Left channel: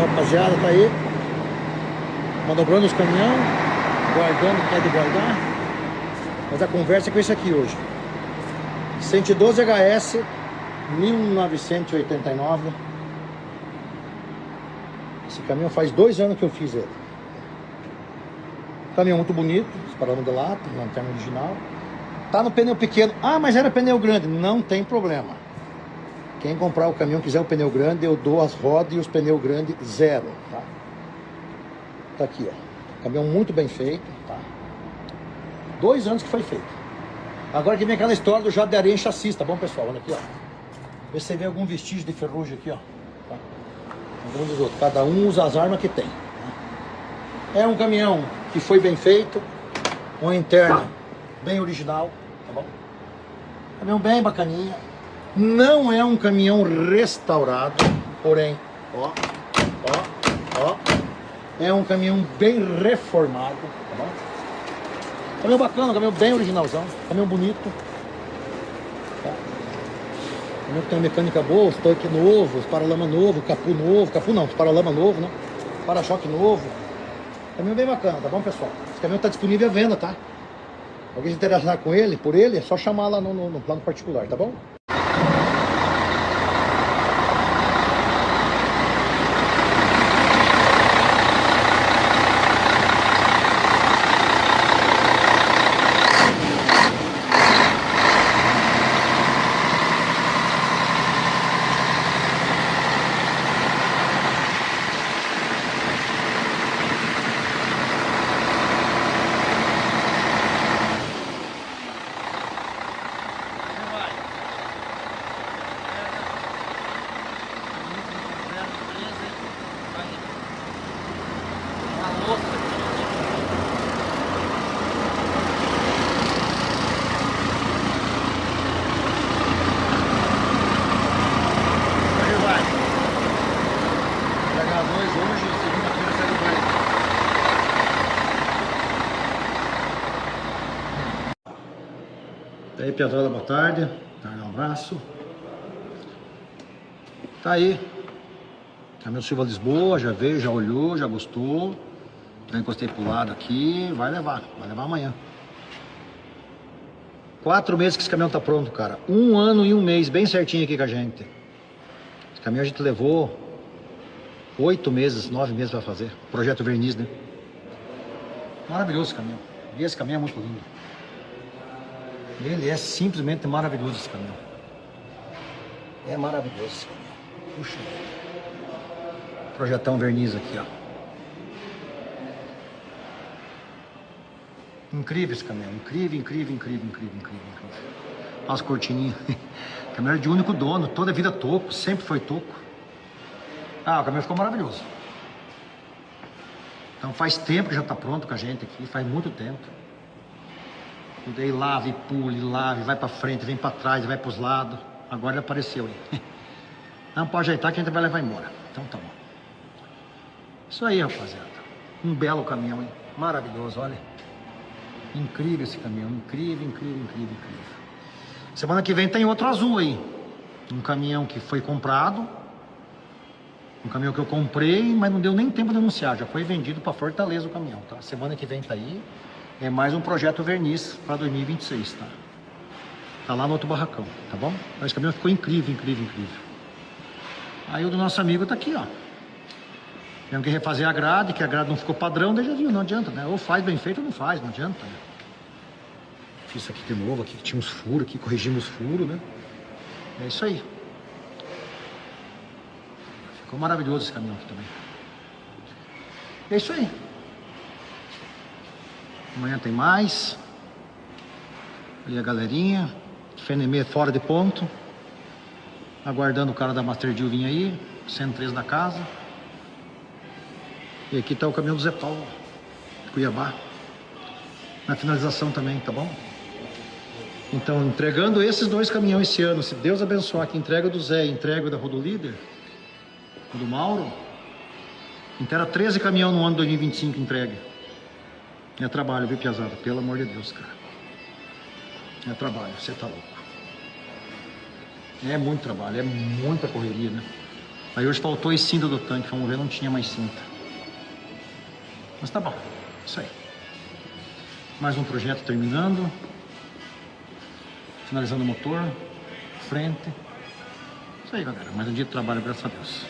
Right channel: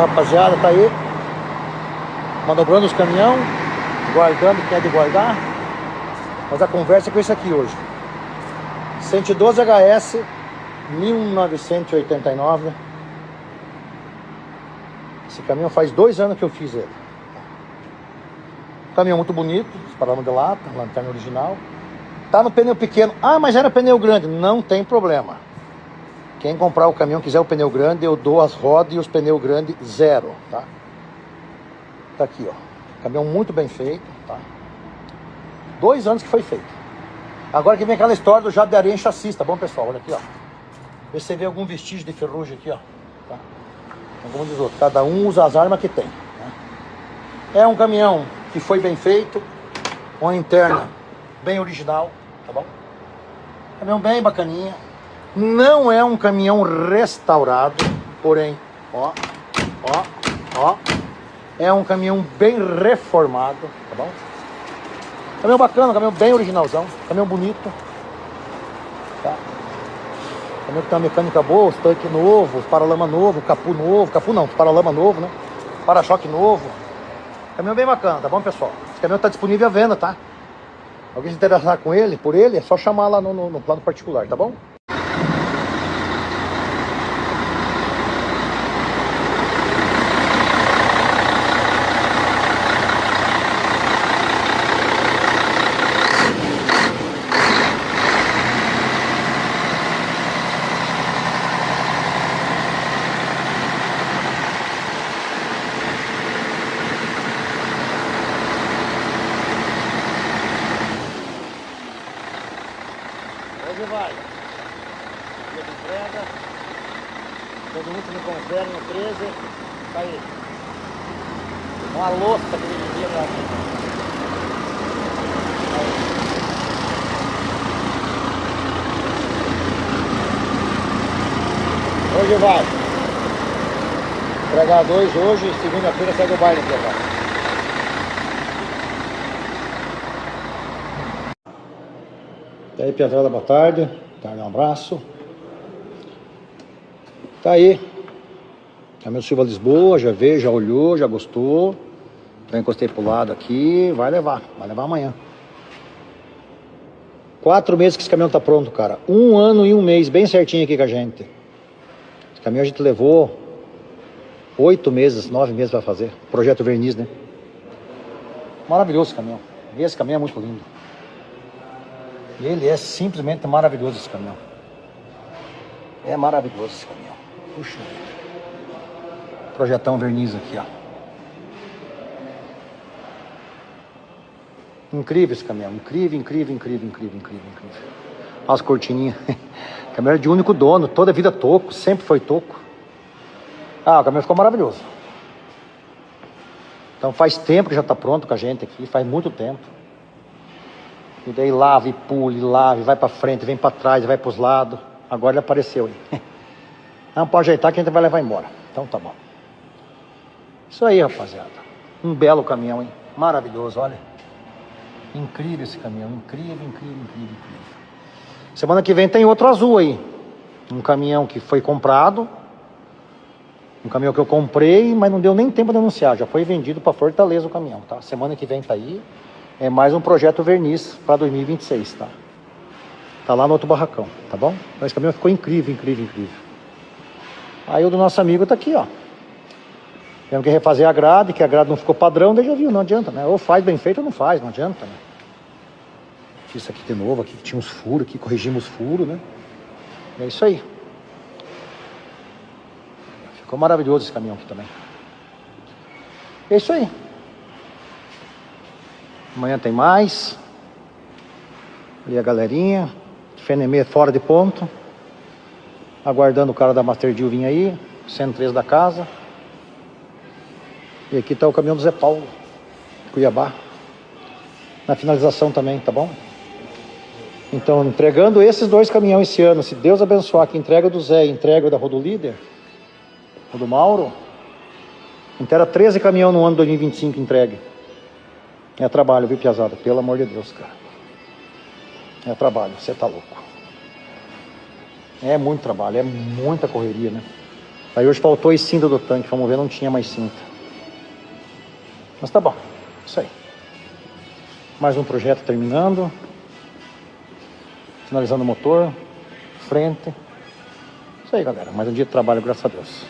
rapaziada, tá aí manobrando os caminhões, guardando o que é de guardar. Mas a conversa é com isso aqui hoje. 112 HS 1989. Esse caminhão faz 2 anos que eu fiz ele. Caminhão muito bonito, paralama de lata, lanterna original. Tá no pneu pequeno. Ah, mas era pneu grande. Não tem problema. Quem comprar o caminhão, quiser o pneu grande, eu dou as rodas e os pneus grandes zero, tá? Tá aqui, ó. Caminhão muito bem feito, tá? 2 anos que foi feito. Agora que vem aquela história do jato de areia em chassi, tá bom, pessoal? Olha aqui, ó. Vê se você vê algum vestígio de ferrugem aqui, ó. Tá? Algum dos outros. Cada um usa as armas que tem. Tá? É um caminhão que foi bem feito, uma interna bem original, tá bom? Caminhão bem bacaninha. Não é um caminhão restaurado, porém, ó, é um caminhão bem reformado, tá bom? Caminhão bacana, caminhão bem originalzão, caminhão bonito, tá? Caminhão que tem uma mecânica boa, os tanques novos, os paralama novo, capu não, os paralama novo, né? Para-choque novo. Caminhão bem bacana, tá bom, pessoal? Esse caminhão tá disponível à venda, tá? Alguém se interessar com ele, por ele, é só chamar lá no plano particular, tá bom? Hoje vai. Entregar 2 hoje, segunda-feira sai do baile. Tá aí, Piazada, boa tarde. Um abraço. Tá aí. Caminhão Silva Lisboa, já veio, já olhou, já gostou. Já encostei pro lado aqui, vai levar amanhã. 4 meses que esse caminhão tá pronto, cara. 1 ano e 1 mês, bem certinho aqui com a gente. Esse caminhão a gente levou 8 meses, 9 meses pra fazer. Projeto verniz, né? Maravilhoso esse caminhão. E esse caminhão é muito lindo. E ele é simplesmente maravilhoso, esse caminhão. É maravilhoso esse caminhão. Puxa. Projetão verniz aqui, ó. Incrível esse caminhão. Incrível. As cortininhas. Caminhão de único dono. Toda a vida toco. Sempre foi toco. Ah, o caminhão ficou maravilhoso. Então faz tempo que já tá pronto com a gente aqui. Faz muito tempo. E daí lava e pule, lava, vai pra frente, vem pra trás, vai pros lados. Agora ele apareceu aí. Não pode ajeitar que a gente vai levar embora. Então tá bom. Isso aí, rapaziada. Um belo caminhão, hein? Maravilhoso, olha. Incrível esse caminhão. Incrível. Semana que vem tem outro azul aí. Um caminhão que foi comprado. Um caminhão que eu comprei, mas não deu nem tempo de anunciar. Já foi vendido pra Fortaleza o caminhão, tá? Semana que vem tá aí. É mais um projeto verniz para 2026, tá? Tá lá no outro barracão, tá bom? Então esse caminhão ficou incrível. Aí o do nosso amigo tá aqui, ó. Temos que refazer a grade, que a grade não ficou padrão, daí já viu, não adianta, né? Ou faz bem feito ou não faz, não adianta, né? Fiz isso aqui de novo, aqui tinha uns furos, aqui corrigimos os furos, né? É isso aí. Ficou maravilhoso esse caminhão aqui também. É isso aí. Amanhã tem mais. E a galerinha. FNM fora de ponto. Aguardando o cara da Master Deal vir aí. 103 da casa. E aqui tá o caminhão do Zé Paulo. Cuiabá. Na finalização também, tá bom? Então, entregando esses 2 caminhões esse ano. Se Deus abençoar, que entrega do Zé e entrega da Rodolíder, o do Mauro, inteira 13 caminhões no ano 2025 entregue. É trabalho, viu, piazada? Pelo amor de Deus, cara. É trabalho, você tá louco. É muito trabalho, é muita correria, né? Aí hoje faltou esse cinto do tanque, vamos ver, não tinha mais cinto. Mas tá bom, isso aí. Mais um projeto terminando. Finalizando o motor, frente. Isso aí, galera, mais um dia de trabalho, graças a Deus.